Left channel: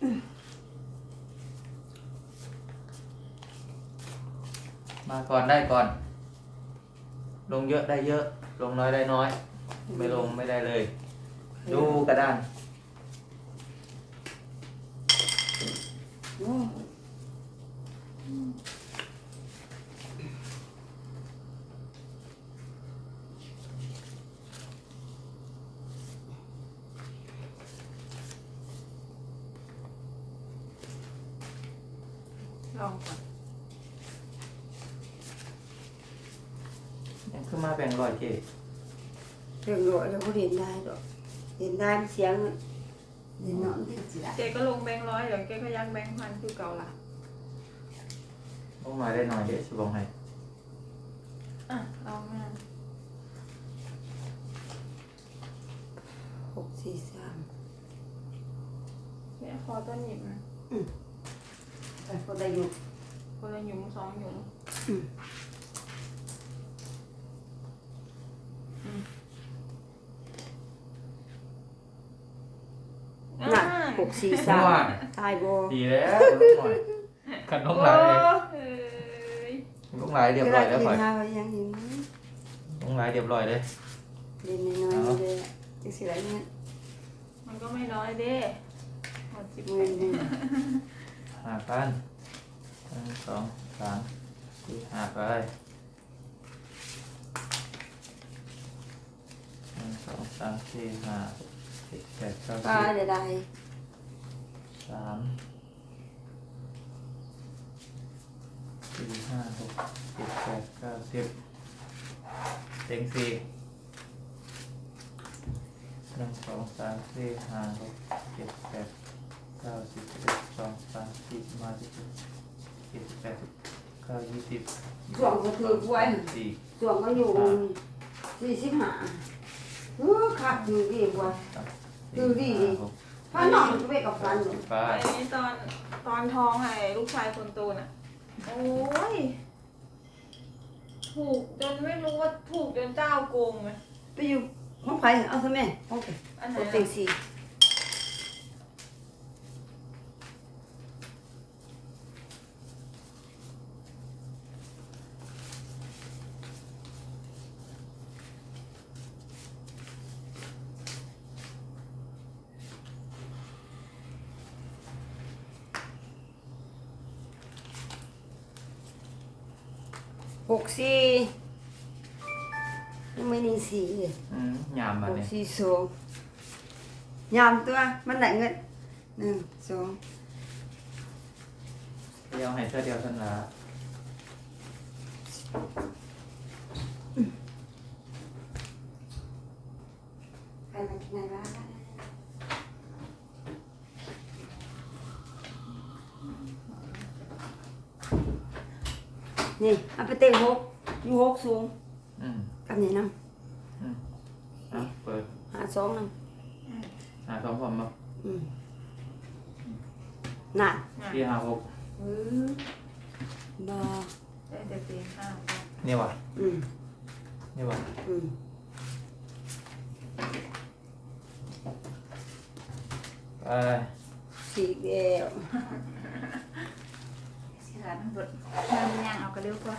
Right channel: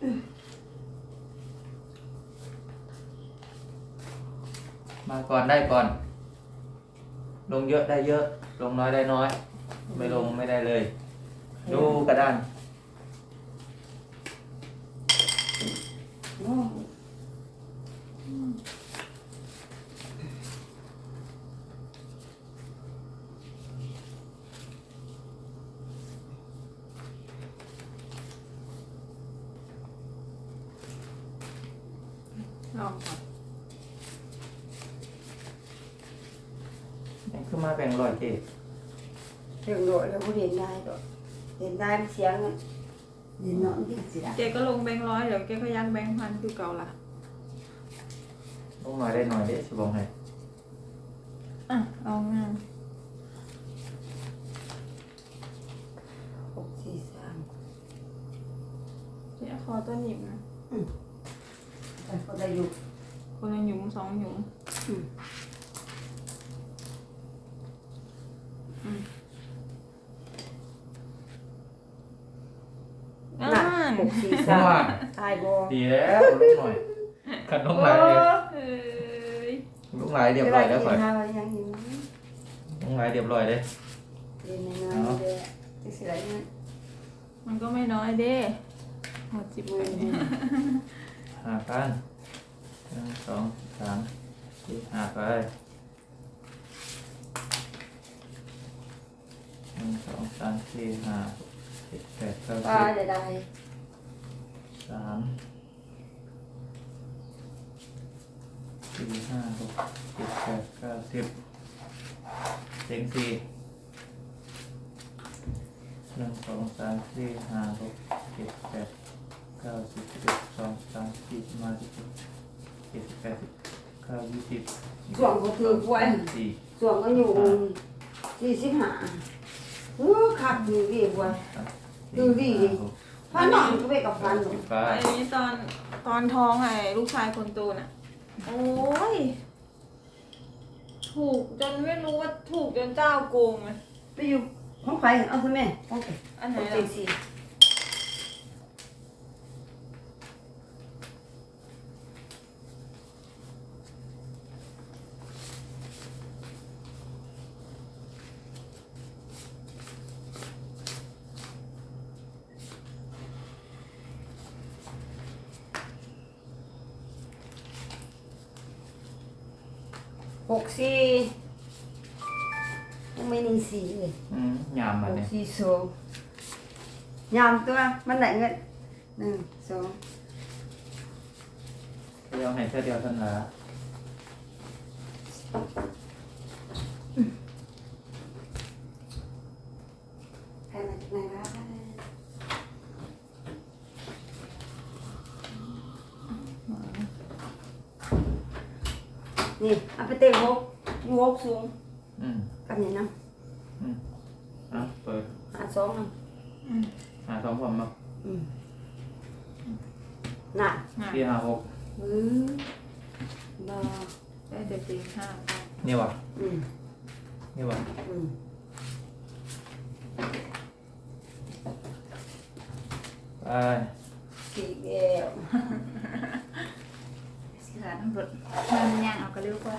มาก่อนได้ก่อน ลงเยอะได้เยอะ ลงน้อยได้น้อย ไม่ลงไม่ได้เลย ดูกระดาน โอ้ ลองก่อน ยังขึ้นมาแบ่งร้อยเกเรื่องโดดเราก็เรียนได้ดอกเรียนได้เสียงเรียนเนาะที่สิละเจ๊ก็ลงแบงค์ร้อยเดี๋ยวเจ๊ก็ยังแบงค์พันคือเก่าละลงน้อยได้น้อยเด้สบองให้อะลองงานหกสี่สามเจ๊ขอตัวหนีบนะแต่ก็ได้อยู่คนละหยุมสองหยุม อืม อ่า น่ะหก สี่เพสาราะมว่าตายบ่ดีแล้วลงหน่อยขันลงหลายโอ้เลยเอ้ยลงหลายเรียบร้อยแล้วเวค่อยลากินข้าวยังอยู่ลงหลายเรียบร้อยเลยเรียนน้อยๆเลยจังสิละนี่มันก็ไม่น้อยเด้หมดสิบมืเลอยดีหากันหนึ่งสองสามสี่ห้าไปหนึ่งสองสามสี่ห้าหกเจ็ดแปดเก้าก็สิบได้ได้ สามสี่ห้าหกเจ็ดแปดเก้าสิบเต็งสี่หนึ่งสองสามสี่ห้าหกเจ็ดแปดเก้าสิบสิบเอ็ดสองสามสี่สิบห้าสิบหกเจ็ดสิบแปดสิบเก้ายี่สิบช่วงก็คือป่วยสี่ช่วงก็อยู่สี่สิบห้าเออขับอยู่ดีบ่สามดูดิห้าหก พันนอนก็ไปกับพันสิบไปไอ้ตอนตอนท้องไอ้ลูกชายคนโตน่ะ โอ้ย ถูกจนไม่รู้ว่าถูกจนเจ้าโกงเลยไปอยู่ห้องใครเอาซะแม่โอเคอันไหนโอเคล่ะสี่ หกสี่ไม่หนึ่งสี่เลยอืมยามหมันกเนี่ยสี่สองยามตัวมันไหนเงินหนึ่งสองเดียวให้เท่าเดียวเท่านั้นละใครมาจากไหนวะ นี่เอาไปเต็มหกอยู่หกสูงอืมกับนี่น้อะเปิดำหาสองน้หาสองผมมาำอืมน่ะน่ะที่ห้าหกอืมบอได้แต่ตีห้านี่วะอืมนี่วะอืมไปสี่เดียว สิหลานหลุดมันย่างเอากระเร็วกว่า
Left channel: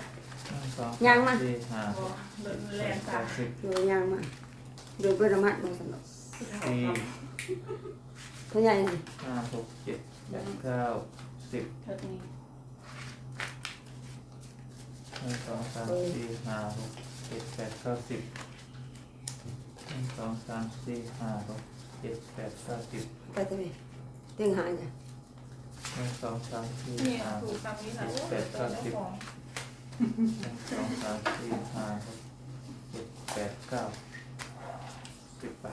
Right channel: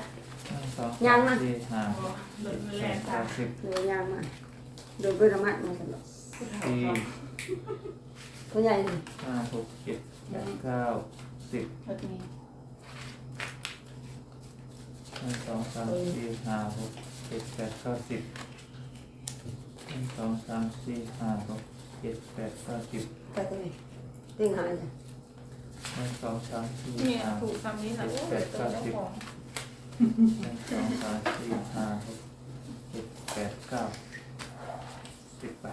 หนึ่งสองสามสี่ห้าโอ้หลุดหแรกงเจ็ดแปตาดสิบเดี๋ยวยางมาเดี๋ยวไประมัดมาสำหรับสี่ตัวใหญ่นี่ห้าหกเจ็ดแปดเก้าสิบเท่านี้หนึ่งสองสามสี่ห้าหกเจ็ดแปดเก้าสิบหนึ่งสองสามสี่ห้าหกเจ็ดแปดเก้าสิบไปตัวนี้ตึงหายจ้ะ หนึ่งสองสามสี่เนี่ยห้าถูกคำนี้นะโอ้ยตัวเจ้าของหนึ่งสองสามสี่ห้าหกเจ็ดแปดเก้าสิบไป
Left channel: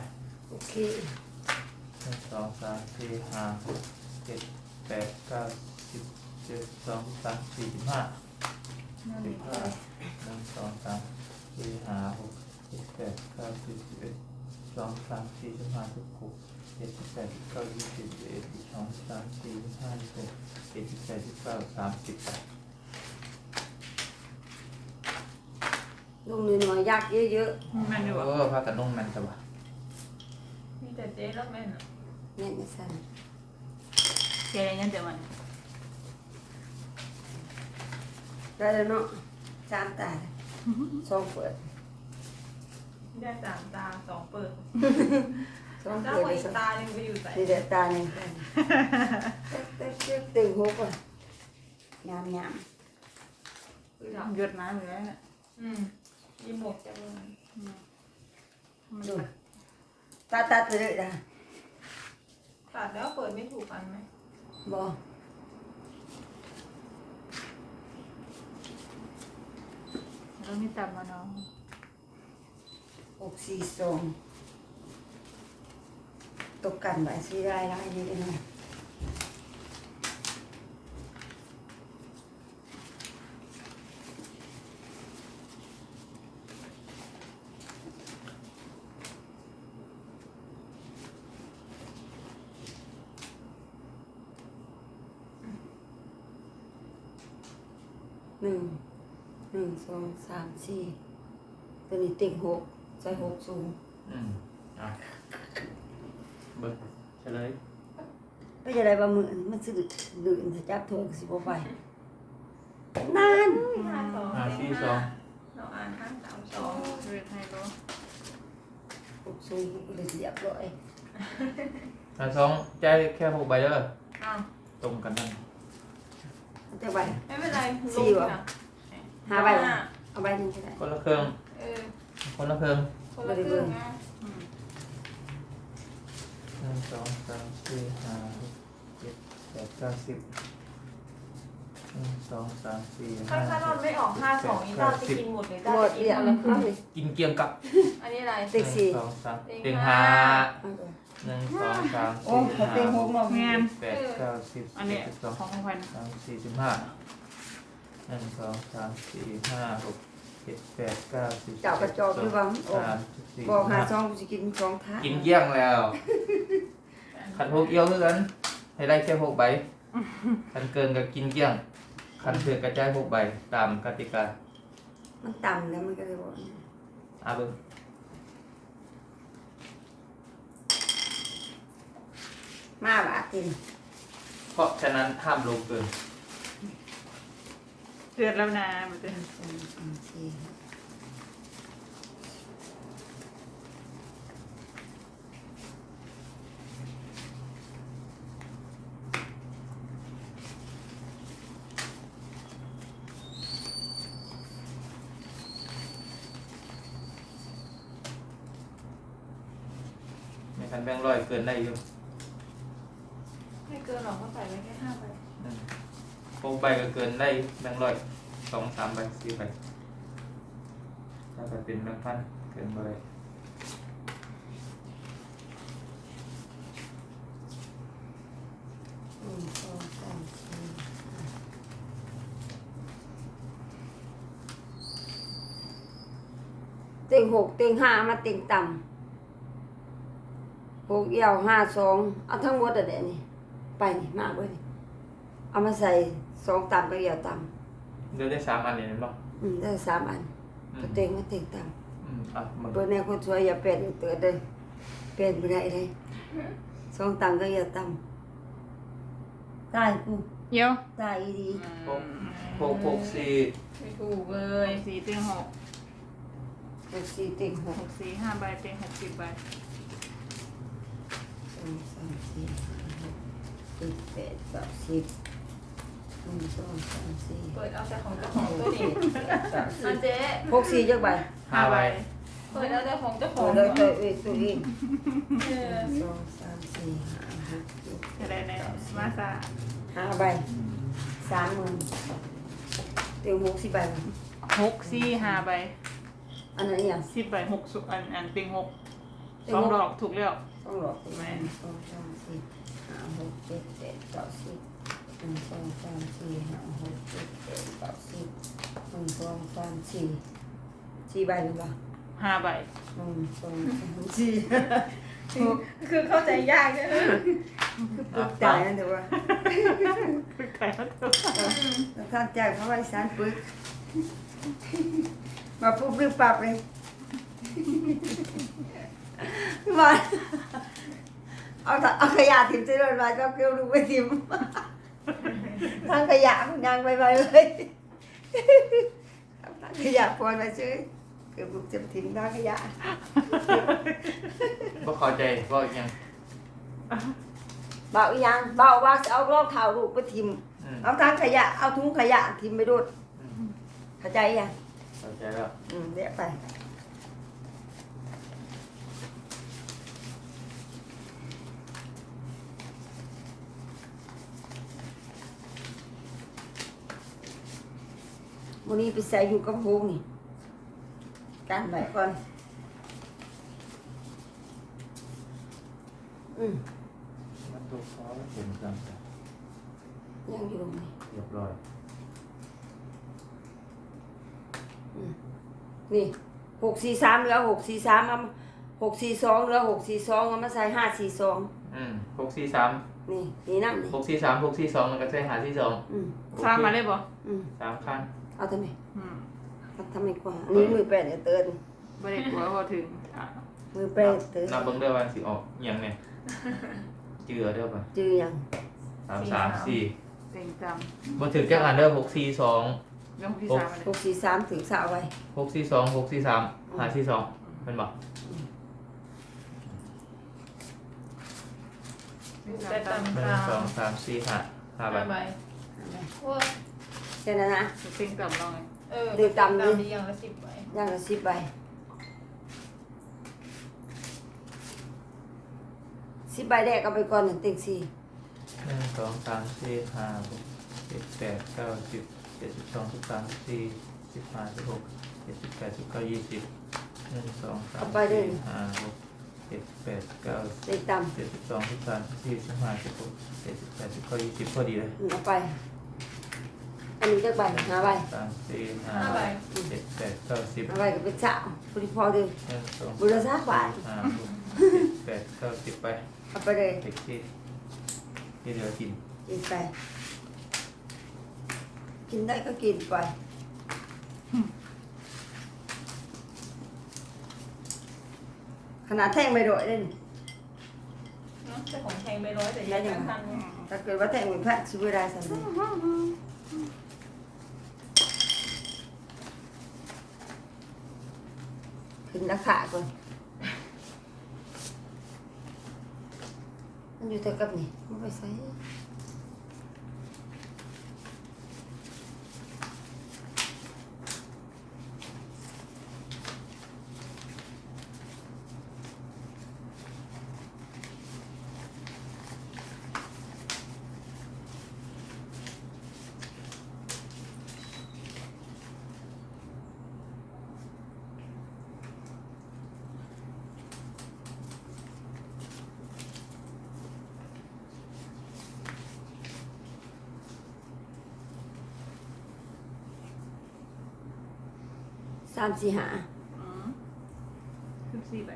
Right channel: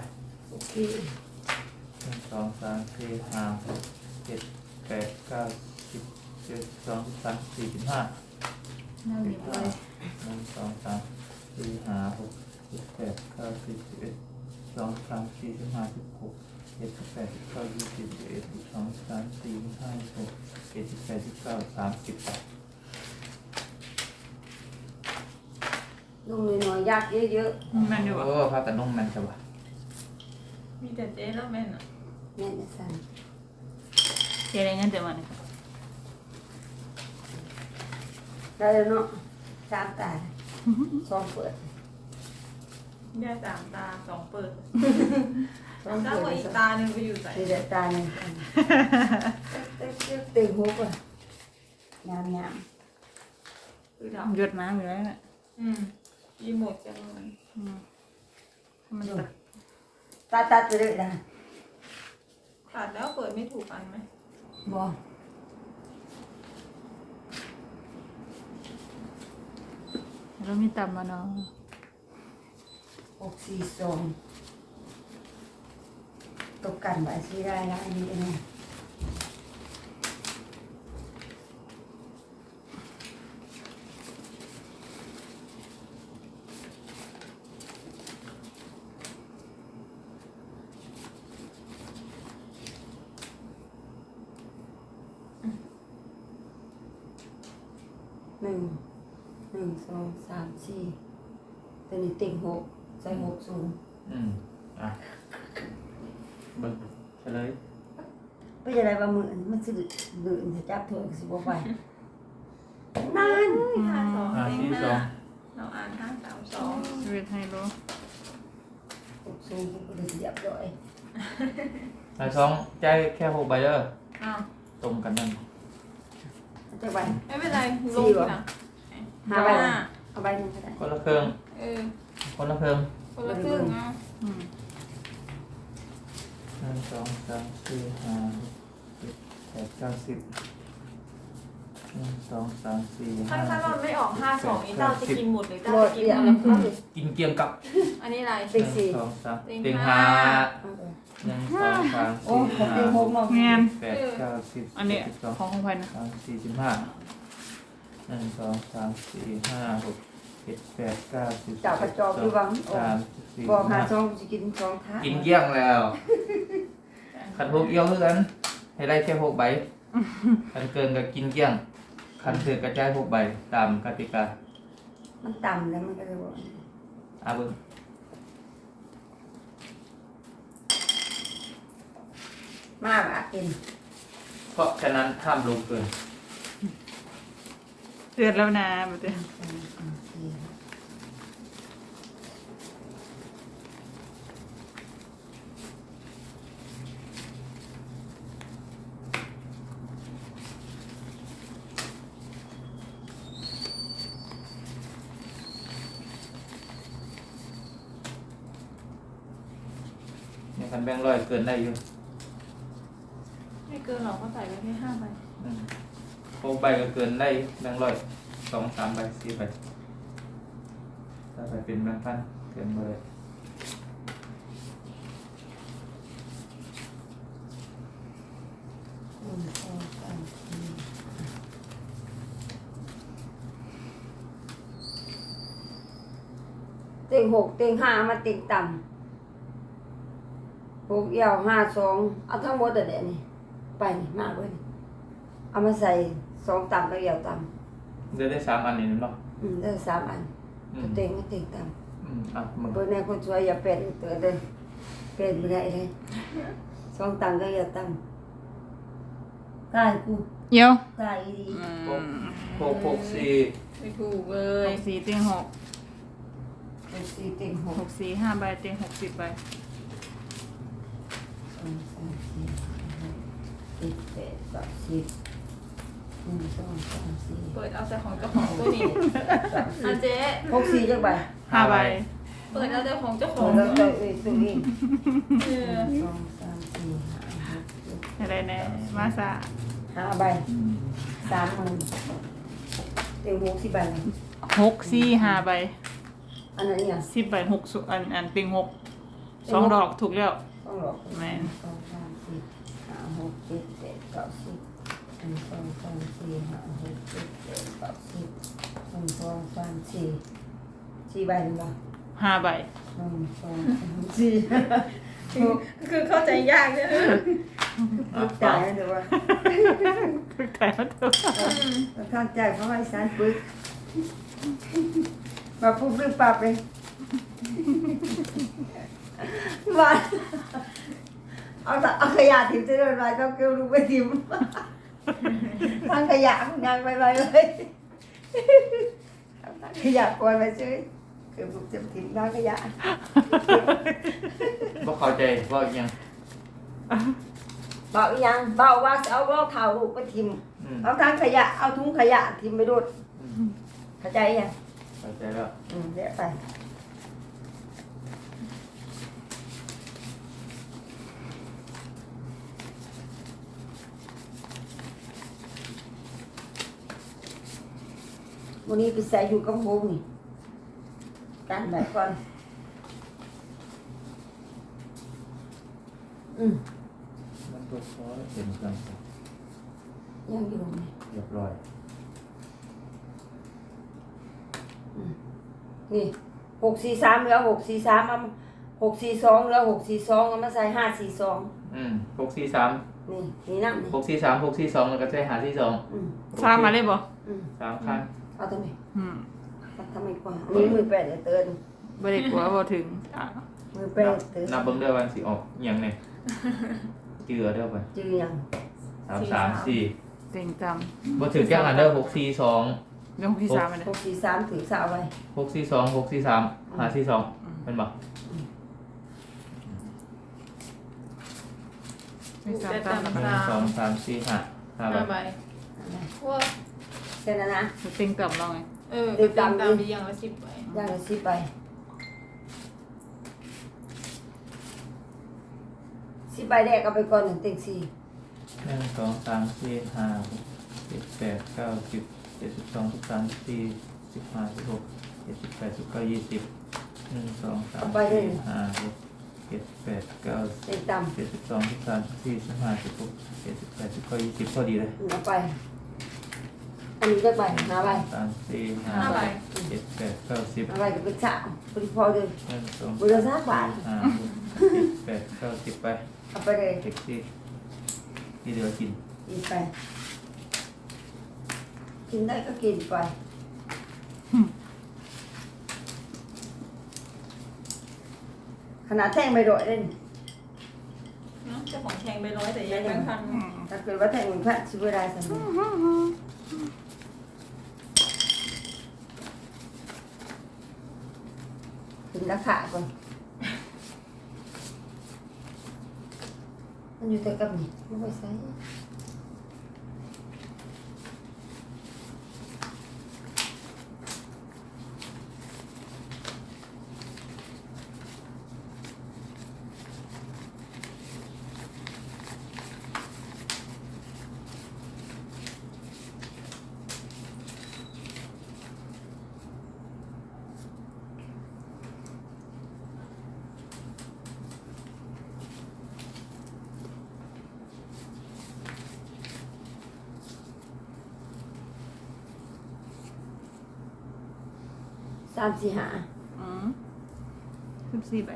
โอเคหนึ่งสองสามสี่ห้าหกเจ็ดแปดเก้าสิบเจ็ดสองสามสี่สิบห้าหนึ่งสิบเลห้ายหนึ่งสองสามสี่ห้าหกเจ็ดแปดเก้าสิบสิบเอ็ดสองสามสี่สิบห้าสิบหก เจ็ดสิบแปดสิบเก้ายี่สิบยี่สิบเอ็ดสิบสองสิบสามสี่สิบห้าสิบหกเจ็ดสิบแปดสิบเก้าสามสิบแปดลูกน้อยๆยากเยอะแม่นอยู่โอ้อะพากันนุ่งมันจะวะมีแต่เจ๊แล้วแม่นอะๆแม่จะสั่นเจ๊เงินจะมาได้แล้วเนาะสามตาสองเปิดแยกสามตาสองเปิดส องเจ้าเปิดอีสกตาหนึ่งไปอยู่ใส่สี่เดือตาหนึ่งเต็กเต็กเต็งหกอะยามยามคือดหยุดน้ำอยู่แล้วน่ะำอืมยี่หมดจังเลยอืมมันดูจะตาตัดไปเลยนะขาดแล้วเปิดไม่ถูกอันไหมบ่รู้ไม่ต่ำมาเนาะหกสี่สอง ตกกันไว้สิได้แล้วอันนี้เองนะหนึ่งหนึ่งสองสามสี่ตัวนี้ติ่งหกใส่หกศูนย์ อืมอะเบิ่งเฉลย ไม่ใช่อะไรบาง มือมันสิดื่นถ้าจับเถอะสิบ่ไปนานห้าสองห้าเต็งสี่สอห้างเราอ่านห้าสามสองเวทให้รู้หกศูนย์ก็เลยเรียบร้อยห้าสองใจายแค่หกใบเด้ออ้าวตรงกันนั่นจะไปไม่เป็นไรลสี่งเหรอนะหาใบละเอาใบหนึงก็ได้คนละเครื่องเออคนละเครื่องคนละครึ่งนะอืมหนึ่งสองสามสี่ห้าหกเจ็ด แปดเก้าสิบหนึ่งสองสามสี่ถ้าห้าถ้าหเรากไม่ออกห้าสองนี้เจ้าจะกินหมดหรือเจ้าหมจะดกินเรียบอะไรร้อยกินเกียมกับอันนี้อะไร ติ๊กสี่หนึ่งสองสามเต็งเต็งห้าห้าเอาไปหนึ่งสองสามโอ้สี่เขาห้าติ่งหหกกเนาะแมนแปดเก้าสิบอันนี้สิบสองของ ของพันสามสี่สิบห้าหนึ่งสองสามสี่ห้าหกเจ็ดแปดเก้าสิบเจ้ากระจอกดีกว่าสามสิบสี่บอกหาห้าช่องกูจะกินสองท้ากินเยี่ยงแล้ว ขันหกเอี้ยวเพื่อน ให้ได้แค่หกใบขันเกินก็กินเยี่ยงขันเกินกระจายหกใบตามกติกามันต่ำแล้วมันก็เลยบอกอาเบิ้งมาบากินเพราะฉะนั้นห้ามลงเกิน เตือนแล้วนะมันจะสองสามสี่ห้า นคันแบงค์ร้อยเกินได้อยู่ไม่เกินหรอกก็ใส่ไว้แค่ห้าใบอืมหกใบก็เกินได้แบงค์ร้อยสองสามใบสี่ใบถ้าไปเป็นแบงค์พันเกินไปเลยหนึ่งสองสามสี่เต็งหกเต็งห้ามาเต็งต่ำ หกเอี่ยวห้าสองเอาทั้งหมดอะเดี๋ยวนี้ไปนี่มากเว้ยนี่เอามาใส่สองต่ำกับเอี่ยวต่เดือนได้สามอันนี่เห็นปะำอืมได้สามอันอืก็มเต็งก็เต็งต่อืมอะมึงำเปิดแนวคนสวยอย่าเป็นเตือนเด้อเป็นไม่ได้เลยสองต่ำกับเอี่ยวต่ำตายกูเยี่ยวตายอีดี หกหกหกสี่ไม่ถูกเลเลยยสี่เตียงหกเป็นสี่เต็งหหกกสี่ห้าใบเตียงหกสิบใบ สองสามสี่ห้าหก เจ็ดแปดเก้าสิบหนึ่งสองสามสี่เปิดเอาแต่ของเจ้าของตัวนี้นะเจ๊หกสี่จักใบห้าใบเปิดเอาแต่ของเจ้าขโอ้องแล้วตัวเองตัวเองเอหนึ่องสองสามสี่ห้าหกเจ็ดอะไรแน่มาซาห้าใบสามหมื่นเต็งหกสิบใบครับหกสี่ห้าใบอันนั้นอย่างสิบใบหกสุอันอันเตียงหกสองดอกถูกแล้ว ต้องหลอกแม่หนึ่งสองสามสี่ ห้าหกเจ็ดแปดเก้าสิบหนึ่งสองสามสี่ห้าหกเจ็ดแปดเก้าสิบหนึ่งสองสามสี่สี่ใบหรือเปล่าห้าใบหนึ่งสองสามสี่คือคือเข้าใจยากเนี่ยอะตาฟัยงแล้วเดี๋ยวว่าไก่มาเถอะท่านใจเพราะว่าสารปึกมาปุ๊บรีบปรับเลยว่า เอาแต่เอาขยะถิ่มเจริญมาเจ้าเกลียวลูกไปถิ่มทางขยะนางไปไปเลยเอาทางขยะก่อนไปเฉยคือบุกจะถิ่มทางขยะบ่เข้าใจว่าอีหยังเบาอีหยังเบาว่าจะเอาเล่าเท้าลูกไปถิ่มอืมเอาทางขยะเอาถุงขยะถิ่มไปดูดอืมเข้าใจยังเข้าใจแล้ว อืมเดี๋ยวไป วันนี้ไปใส่อยู่กับโฮมนี่กันไหนก่อน อืมมันตกคอแล้วเต็มกันจ้ะยังอยู่นี่เรียบร้อยนี่หกสี่สามแล้วหกสี่สามมาหกสี่สองแล้วหกสี่สองเอามาใส่ห้าสี่สองอืมหกสี่สามนี่นี่น้ำนี่หกสี่สามหกสี่สองแล้วก็ใช้หาที่สองอืมสร้างมาได้บ่อืม สามคัน เอาทำไมอืมเอาทำไมกว่าอันนี้มือแปดเดี๋ยวเตือนบ่ได้กลัวบ่ถึงอะมือแปนัดบเตือนนับเบิ่งเด้อวันสิออกอิหยังเนี่ยเจือเด้อไปจือยังสามสามสี่เต็งจบ่ถึงแก้คันเด้อหกสี่สองำเรื่องที่สามอันหนี้กสี่สามถึงสาวไว้หกสี่สองหกสี่สามหาสี่สองเป็นบ่ไม่สามแต่ตามหนึ่งสองสามสี่ห้าห้าใบห้าใบว่า แค่นั้นนะ เต็งจำเราไงเออเรียบตามตามดีอย่างละสิบใบย่างละสิบใบสิบใบแรกเอาไปก่อนหนึ่งเต็งสี่หนึ่งสองสามสี่ห้าหกเจ็ดแปดเก้าสิบเจ็ดสิบสองสิบสามสิบสี่สิบห้าสิบหกเจ็ดสิบแปดสิบเก้ายี่สิบหนึ่งสองสามสี่ห้าหกเจ็ดแปดเก้าสิบเต็งต่ำเจ็ดสิบสองสิบสามสิบสี่สิบห้าสิบหกเจ็ดสิบแปดสิบเก้ายี่สิบพอดีเลย เอาไป อันนี้จะใบห้าใบสามสี่ห้าห้าใบ เจ็ดแปดเก้าสิบห้าใบก็เป็นสามพอดีพอเลยหนึ่งสองบุรษาบาทห้าหกเจ็ดแปดเก้าสิบไปเอาไปเลยเด็กที่ที่เหลือกินกินไป กินได้ก็กินไปขนาดแท่งไม่โดดเลยนะเจ้าของแข่งไปร้อยแต่ยังไม่ทันอืมถ้าเกิดว่าแท่งมันพลาดชิบได้สักหน่อยถึงราคาก่อนมันอยู่ แต่กับนี่ไม่ไปใส่ สามสี่ห้าอืมสิบสี่ใบ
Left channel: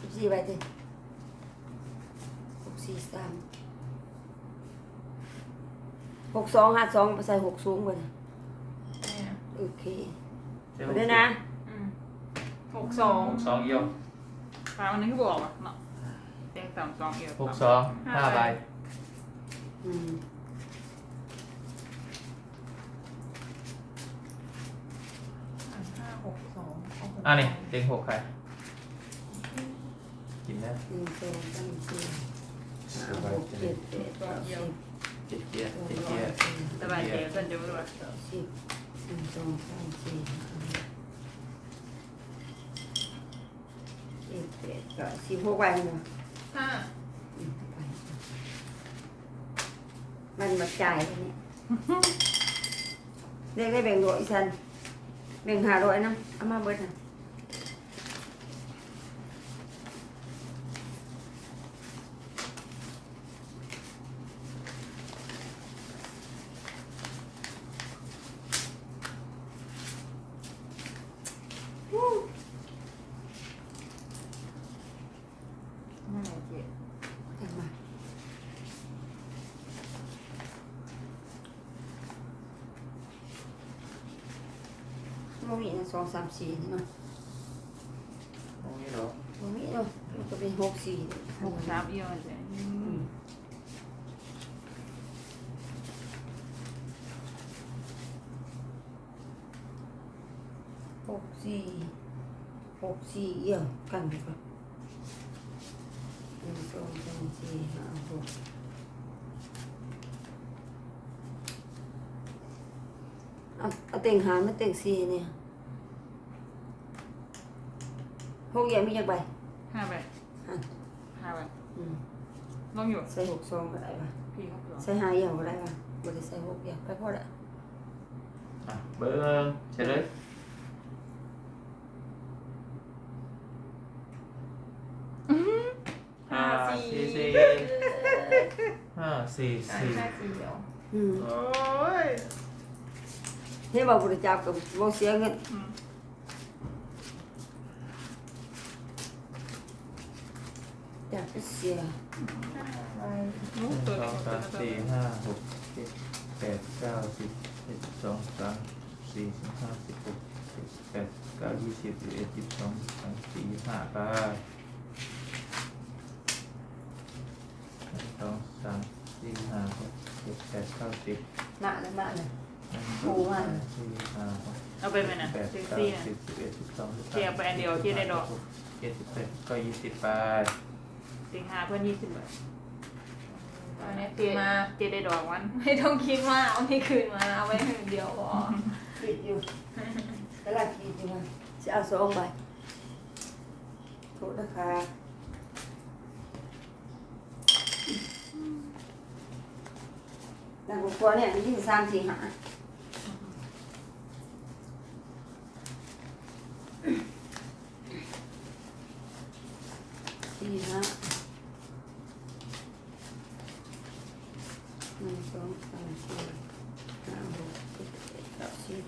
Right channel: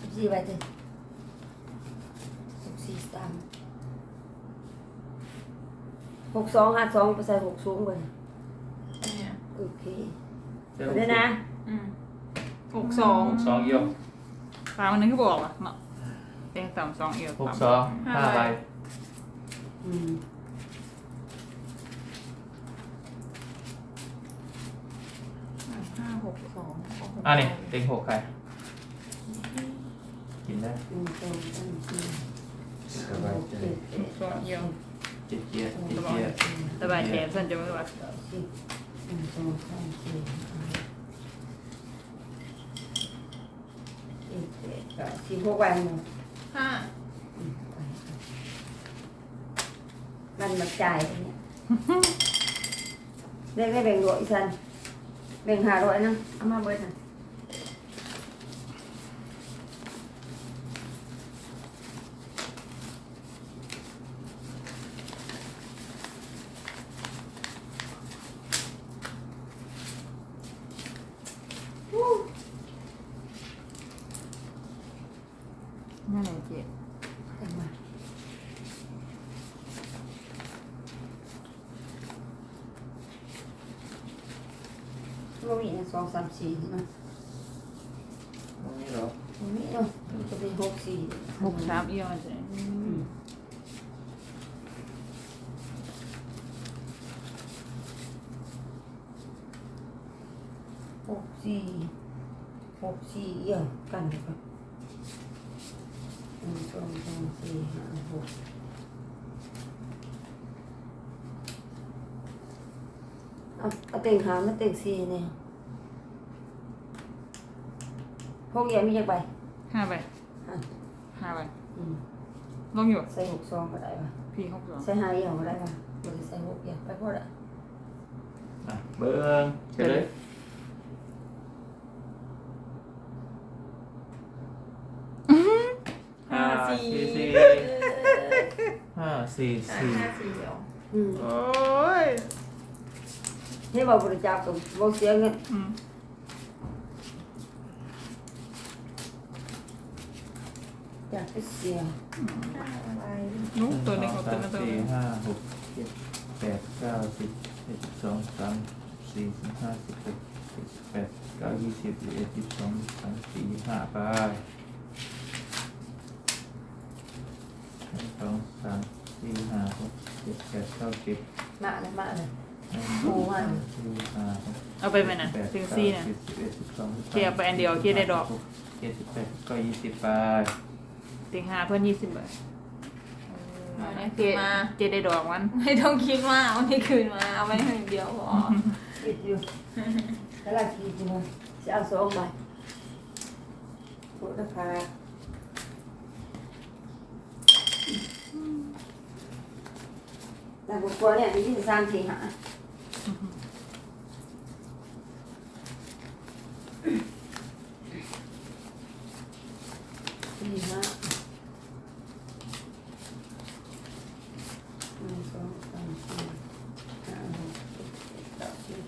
สิบสี่ใบเต็มหกสี่สามหกสองห้าสองไปใส่หกสูงไปเนี่ยโอเคเจ้าเอาด้วยนะอืมหกสองหกสองเอียวสามอันนึงก็บอกอะเนาะเต็งต่ำสองเอียวหกสองห้าใบอืม ห้าหกสอง อะนี่เต็งหกใครกินได้หนึ่งสองสามสี่ห้าสบายหกใจเจ็ดแปดสองเอียวเจ็ดเกียร์เก้าเจ็ดสิบเกียร์สบายใจเส้นจะไม่ว่าเก้าสิบหนึ่งสองสามสี่ห้าเจ็ดแปดเก้าสิบหกใบมันห้าอืมไปมันมาจ่ายตรงนี้ได้ได้แบ่งหน่วยสันแบ่งหาร้อยนะเอามาเบิดนะวู้ นั่นแหละ เจ๊จังมาโมมีนะสองสามสี่นี่เนาะตรงนี้หรอโมมีเนาะมันจะเป็นหกสี่หกสามเอียวใช่หกสี่หกสี่เอี่ยวกันไปก่อนหนึ่งส องสามสี่ห้าหกเอาเอาเต็งหามาเต็งสี่เนี่ยหกเอี่ยวมีจักใบห้าใบห้าห้าใบอืมลงอยู่ใส่หกซองก็ได้ป่ะพี่หกสองใส่ห้าเอี่ยวก็ได้ป่ะบริใส่หกเอี่ยวไปพอละ อะเบิ้งเฉลยห้า สี่สี่ห้าสี่สี่ห้าสี่เดียวอืมโอ้ยเนี่ยบอกบริจาคกับโมเสียเงินอืมอยากไปเสียห้าใบนุ๊หกนึ่งตัวสหอนึ่งงกับตัวสามนึงตัวสี่ห้าหกเจ็ดแปดเก้าสิบเอ็ดสิบสองสามสี่สิบห้าสิบหกเจ็ดแปดเก้ายี่สิบยี่สิบเอ็ดยี่สิบสองยี่สิบสามสี่ยี่สิบห้าไปหนึ่งสองสามสี่ห้าหก เจ็ดแปดเก้าสิบหนาเลยมาเลยหนึ่งสองสามสี่ห้าหกเอาไปไหมนะแปดซิงเก้าซี่นะ สิบสิบเอ็ดสิบสองสิบสามเทียบไปอันเดียวที่ได้ดอกเจ็ดสิบแปดเก็ยี่สิบไปติงห้าเพื่อนยี่สิบบาทอันนี้เจคืนมาเจได้ดอกมันไม่ต้องคิดมากเอาที่คืนมาเอาไว้หนึ่งเดียวพอคิดอยู่แล้วเราคิดอยู่ว่าจะเอาสองใบลดราคา แต่ผมกลัวเนี่ยมีที่สามสี่หาสี่ห้าหนึ่งสองสามสี่ห้าหกเจ็ดแปดเก้าสิบ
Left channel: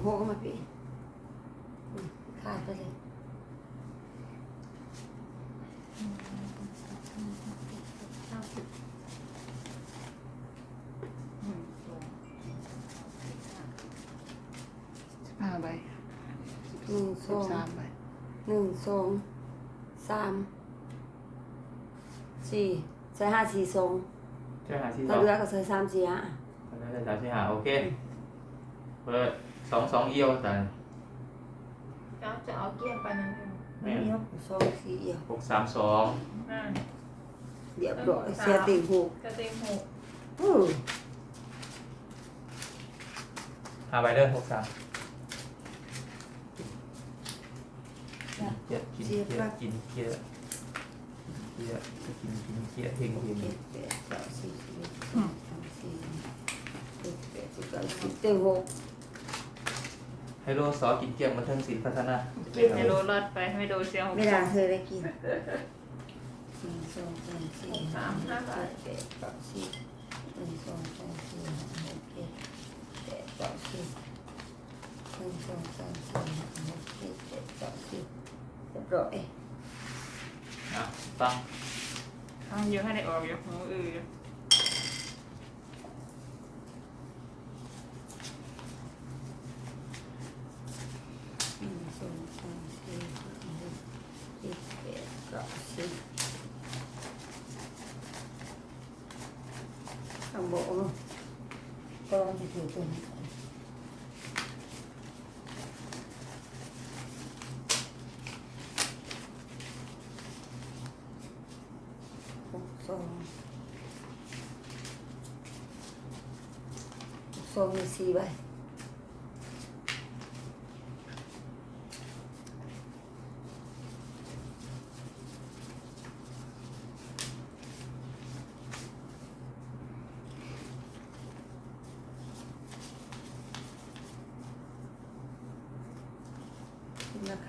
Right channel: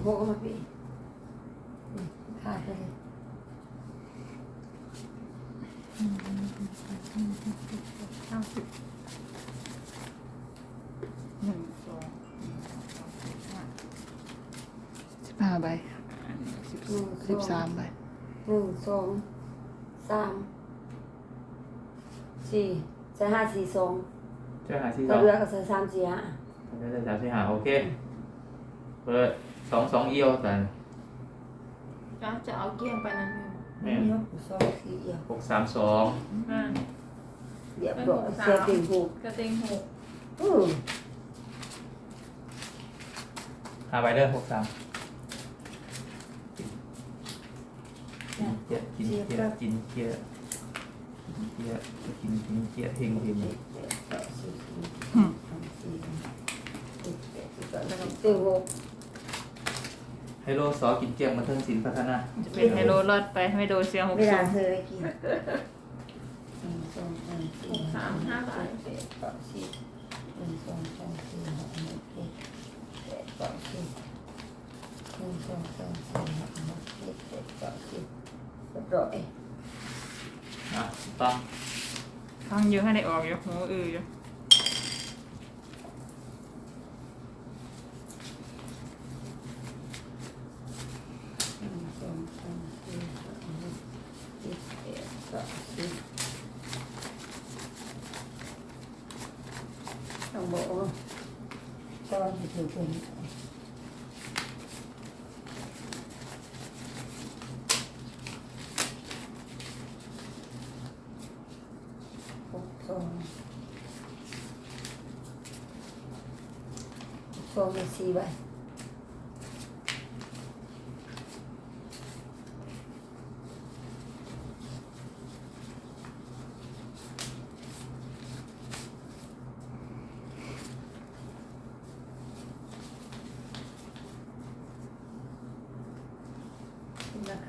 เดี๋ยวพวกมาปีขาดไปเลยห้าสิบหนึ่งสองสิบห้าใบสิบหนึ่งสิบสอสางมใบหนึ่งสองสามสี่ใส่ห้าสี่สองเจ้าหาที่สถ้าองเหลือก็ใส่สามสี่ห้า ตอนนี้ได้สามที่หาโอเค เปิด สองสองเอียวแต่แล้วจะเอาเกี้ยงไปนั่นเองแม่มียกสองสี่เอี่ยวหกสามสองแม่เรียบร้อยเสียติ่งหูกระเต็งหกอู้หาไปเด้อหกสามกินเกียกินเกียกินเกียกินเกียกินกินเกียเฮงเฮงเจ็ดแปดเก้าสิบสิบเอ็ดสิบสองสี่หกเจ็ดแปดสิบเก้าสิบติ่งหูไฮ โลซอกินเกียงมาเทิงศิลป์พัฒนาจะเป็นไฮโลรอดไปไม่โดนเสียหกไม่สิได้บเธอได้กินหนึ่งสองสามสี่ห้าหกเจ็ดแปดเก้าสิบหนึ่งสองสามสี่ห้าหกเจ็ดแปดเก้าสิบหนึ่งสองสามสี่ห้าหกเจ็ดแปดเก้าสิบเรียบร้อยอะตั้งฟังเยอะให้ได้ออกอยู่หูอืออยู่ หนึ่งสองสามสี่ห้าหกเจ็ดแปดเก้าสิบ ต้องบอกว่าตอนที่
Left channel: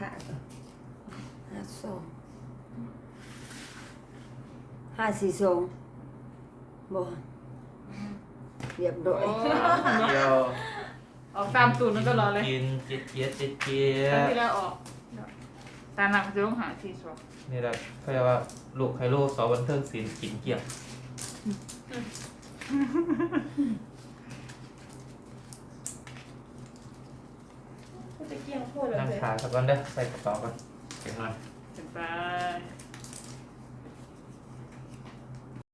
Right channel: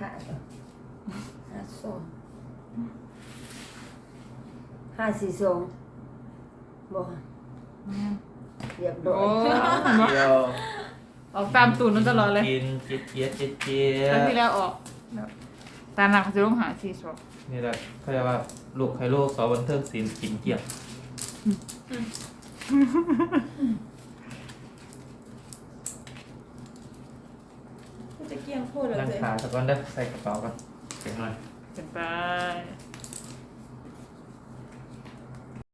หกสองหกสองมีสี่ใบราคาก็ห้าสองห้าห้าสี่สองบ่เรียบร้อโอ้ยเดียวออกตามตูนมันตลอดเลยกินเจี๊ยดเจี๊ยดเจี๊ยดเจี๊ยครั้งดที่แล้วออกตาหนักเขาจะต้องหาสี่สองนี่แหละเขาเรียกว่าลูกไฮโลสอบันเทิงศิลป์สินเกี่ยว กูจะเกี่ยงโคตรเลยนั่งเจ๊ขาสักวันเด้อใส่กระเป๋ากัน เก็บหน่อย เก็บไป